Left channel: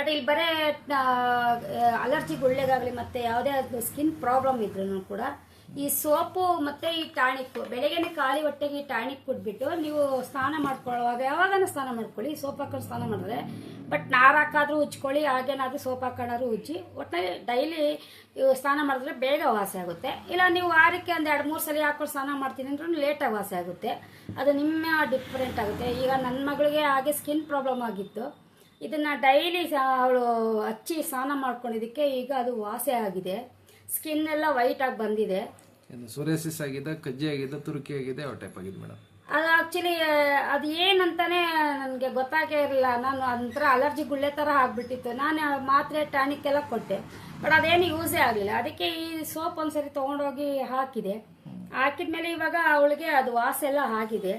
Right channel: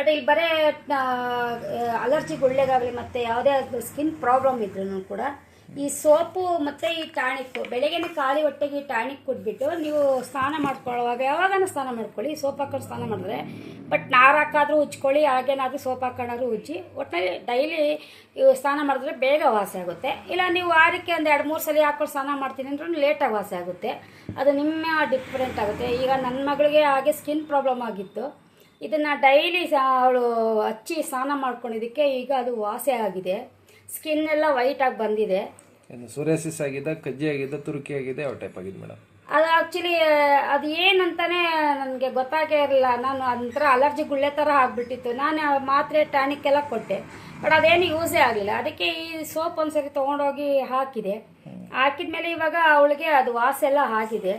But ಇಲ್ಲಿ ಬರೇ allergy ಗುಳ್ಳೆಗಾಗಲಿ ಮತ್ತು ಯಾವುದೇ ಸ್ಕಿನ್ ಪ್ರಾಬ್ಲಮ್ ಇದ್ರೂ ಕೂಡ ಈ ಸೋಪು ಮತ್ತು ಈ ಟಾನಿಕ್ ಬೆಳಗ್ಗೆನೆ ಖಾಲಿ ಹೊಟ್ಟೆಗೆ ಈ ಟಾನಿಕ್ ಕುಟ್ಬಿಟ್ಟು ನೀವು ಸ್ನಾನ ಮಾಡ್ಕೊಳ್ಳುವಾಗ ಯಾವಾಗನೂ ಸ್ನಾನ ಮಾಡ್ಕೊಳ್ಳಿ. ಸೋಪ್ ಹಾಕೊಂಡು ಸ್ನಾನ ಮಾಡಿದ್ರೆ ಬಟ್ ನಾರು ಹಾಕಾದ್ರೂ ಉಜ್ಕೊಳ್ಳಿ, ಹಾಗೇನಾದ್ರೂ ಸೋಪ್ ಹಾಕೊಂಡಾದ್ರೂ ಉಜ್ಜಿ. ಒಟ್ಟಿನಲ್ಲಿ ಡೈಲಿ ಸ್ನಾನ ಮಾಡಿದ್ರೆ ಬೇಗ ವಾಸಿ ಆಗುತ್ತೆ. ಇಲ್ಲ ನೀವು ವಾರಕ್ಕೆ ಒಂದು 2-3 ಸಲ ಹಾಕೊಂಡು ಸ್ನಾನ ಮಾಡ್ತೀನಿ ಅಂದ್ರೆ ಲೇಟಾಗಿ ವಾಸಿ ಆಗುತ್ತೆ. ಅದು ನಿಮ್ಮ ಡಿಫ್ರೆಂಟ್ ಆಗುತ್ತೆ. ಈಗ ನನ್ನ ಮಗಳಿಗೆ ಹಾಗೆ ಸ್ಕಿನ್ ಪ್ರಾಬ್ಲಮ್ ಆಗಿತ್ತು. ಇದನ್ನು ಡೈಲಿ ಅವಳು ಹಚ್ಚಿ ಸ್ನಾನ ಮಾಡ್ಕೊಂಡಿದ್ದಕ್ಕೆ ಈಗ ಅದು ವಾಸಿ ಆಗಿದೆ. ಸ್ಕಿನ್ ಎಲ್ಲ ವೈಟ್ ಆಗಿ ಬಂದಿದೆ. ಸೋರಿಯಾಸಿಸ್ ಆಗಿದೆ, ಕಜ್ಜಿ ಆಗಿದೆ, ತುರುಕಿ ಆಗಿದೆ, ಯಾವ ಟೈಪ್ ಆಗಿದೆ ಮೇಡಮ್? ಅದು ಆಕ್ಚುಲಿ ಅದು ಏನಂತಾನೆ ನನಗೆ ಗೊತ್ತಾಗೇ ಇರಲಿಲ್ಲ. ನಾನು ಒಂಥರ ಅಲರ್ಜಿ ಗುಳ್ಳೆ ಥರ ಆಗ್ಬಿಟ್ಟಿತ್ತು. ನಾನು ಮಾತ್ರೆ ಟಾನಿಕ್ ಎಲ್ಲ ಕೊಟ್ಟೆ, ಬಟ್ ಅದೇನು ಯೂಸೇ ಆಗಲಿಲ್ಲ. ಅದಕ್ಕೆ ಈ ಸೋಪ್ ಒಂದ್ಸರಿ ತೊಗೊಂಡೋಗಿ ಹಾಕಿದ್ಮೇಲೆ ಇವಾಗ ಅವಳಿಗೆ ಅದು ವಾಸ ಎಲ್ಲ ಆಗಿದೆ.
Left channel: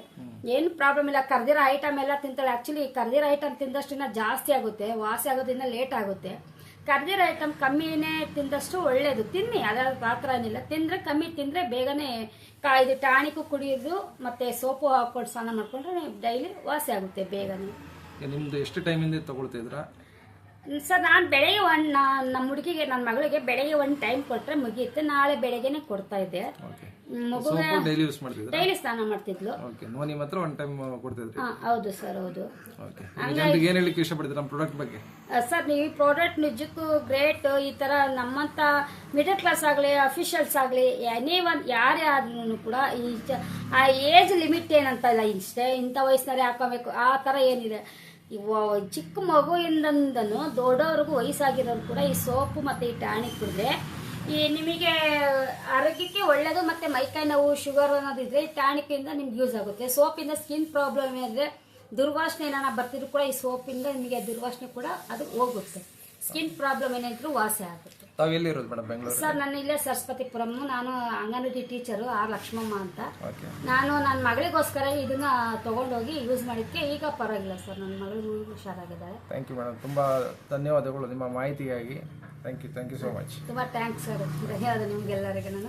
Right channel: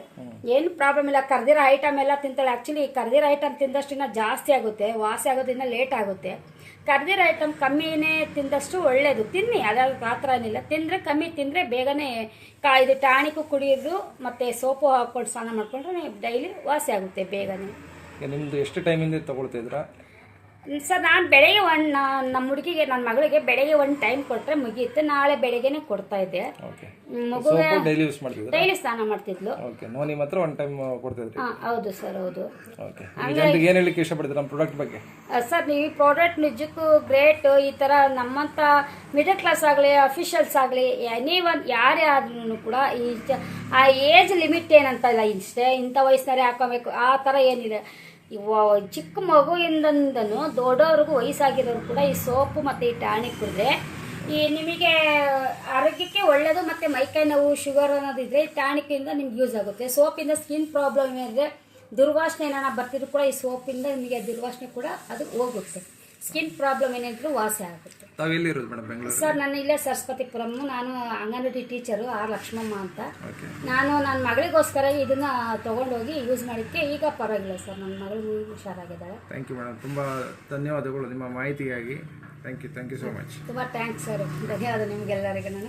ಏನು ಪ್ರಾಬ್ಲಮ್ ಇಲ್ಲ. ಕರ್ದಿರೋ ಐಟಮ್ ಎಲ್ಲ ತಿಂತಾಳೆ. ಆಕ್ಚುಲಿ ಕರ್ದಿರೋ ಐಟಮ್ ತಿಂದಷ್ಟಿನ ಜಾಸ್ತಿ ಆಗುತ್ತೆ, ವಾಸಿ ಆಗೋದ್ರಿಂದ ಲೇಟ್ ಆಗುತ್ತೆ. ಕರ್ದಿರೋ ಐಟಮ್ ಕಮ್ಮಿನೇ ತಿಂದಷ್ಟು ಒಳ್ಳೇದು. ತಿನ್ನಿ, ಅದಾದ ಆ ಥರ ಏನಿಲ್ಲ. ತಿಂದರೆ ಕಮ್ಮಿ ತಿಂದರೆ ಬೇಗನೆ ಇದು ಟಾನಿಕ್ಕು ಕುಡಿಯೋದು ಮತ್ತು ಸೋಪು ಹಾಕೊಂಡು ಸ್ನಾನ ಮಾಡಿಕೊಂಡ್ರೆ ಡೈಲಿ ವಾಸಿ ಆಗುತ್ತೆ ಬೇಗನೆ. ನಿಮ್ಮದು ಎಷ್ಟು ಟೈಮಿಂದ ತಗೊಳ್ತಿದ್ರಾ ಸರ್? ನಾನು ಬೆಳಗ್ಗೆ ನಮ್ಮ ಹುಡುಗಿಗೆ, ನನ್ನ ಮಗಳಿಗೆ ಬೆಳಗ್ಗೆ ಒಂದು ಟೈಮ್ ಕೊಟ್ಟರೆ ಮುಗೀತು. ನಾಳೆ ಬೆಳಗ್ಗೆನೆ ಕೊಡ್ತಾ ಇದ್ದೆ. ಮಗುಗೆ ಡೈಲಿ ಸ್ನಾನ ಮಾಡ್ತಿದ್ಲು. ನೋನಿ ಮಾತ್ರ ಒಂದು ಟೈಮ್ ಕೊಡ್ತಿದ್ರಿ? ಹೌದು ಸರ್, ಹೌದು. ಜನರಿಗೆ ಏನು ಹೇಳಲಿಕ್ಕೆ ಇಷ್ಟಪಡ್ತೀರಾ ನಮ್ಮ ಪ್ರಾಡಕ್ಟ್ ಬಗ್ಗೆ? ಸರ್, ಈ ಪ್ರಾಡಕ್ಟ್ ನಿಜಕ್ಕೂ ಗ್ರೇಟ್. ಈ ಥರ ನಮ್ಮಂಥ ಮಿಡಲ್ ಕ್ಲಾಸ್ ಆಗಲಿ, ಅಫಿಷಿಯಲ್ಸ್ ಆಗಲಿ, ಎನಿ ಒನ್ ಯಾರೇ ಆದ್ರೂ ಕೂಡ ಆ ಏಜ್ ಲಿಮಿಟ್ ಏನಂತ ಇಲ್ಲ. ಇಷ್ಟೇ ಇಂಥ ವಯಸ್ಸಿನವರೇ ಹಾಕೋಬೇಕು ಆ ಥರ ಏನಿಲ್ಲ. ಚಿಕ್ಕ ಮಗುವಿಂದನೂ ದೊಡ್ಡವ್ರಿಗೂ ವಯಸ್ಸಾಗಿರೋರು ಕೂಡ ಈ ಸೋಪು ಮತ್ತು ಈ ಟಾನಿಕ್ ಕುಡಿದ್ರೆ ಈ ನಿಮಗೆ ಆರೋಗ್ಯಕ್ಕೆ ಒಳ್ಳೆಯದು. ಮತ್ತು ಮೈಕೈ ನೋವು, ಶುಗರ್ ಅನ್ನೋದಿದ್ರೆ ಈ ಟಾನಿಕ್ಕಿಂದ ನಿಮ್ಗೆ ಯೂಸ್ ಆಗುತ್ತೆ. ಸೋಪಿಂದ ಸ್ಕಿನ್ ಪ್ರಾಬ್ಲಮ್ ಏನಿದ್ರೆ, ದುರ್ವಾಸನೆ ಏನಾರ ಬರ್ತಿದ್ರು ಕೂಡ ಈ ಸೋಪಿಂದ ನಿಮಗೆ ದುರ್ವಾಸನೆ ಕೂಡ ಅದು ಹೋಗುತ್ತೆ. ಸ್ಕಿನ್ ಪ್ರಾಬ್ಲಮ್ ಏನಾದ್ರು ವಾಸಿ ಆಗುತ್ತೆ. ಸರ್, ನಾನು ಇಲ್ಲೇ ಸರಸ್ವತಿಪುರಂ. ನಾನು ಅಂಗನವಾಡಿ ಟೀಚರು ಆರ್ ಲಕ್ಷ್ಮಮ್ಮ ಅಂತ. ನಾನು ನನ್ನ ಮಗಳಿಗೋಸ್ಕರ ಇದನ್ನ ತಗೊಂಡೋಗಿ ಯೂಸ್ ಮಾಡಿದ್ದಕ್ಕೆ ಈಗ ಪರವಾಗಿಲ್ಲ ಸರ್. ನನ್ನ ಮಗಳು ಹುಷಾರಾಗಿದ್ದಾಳೆ. ಥ್ಯಾಂಕ್ ಯು ಮೇಡಮ್, ತುಂಬ ಧನ್ಯವಾದಗಳು ನಿಮ್ಮ ಮಾಹಿತಿಗಾಗಿ. Thank you so much. ತುಂಬ ಥ್ಯಾಂಕ್ಸ್ ಸರ್. ಧನ್ಯವಾದ ನಿಮಗೆಲ್ಲರಿಗೂ.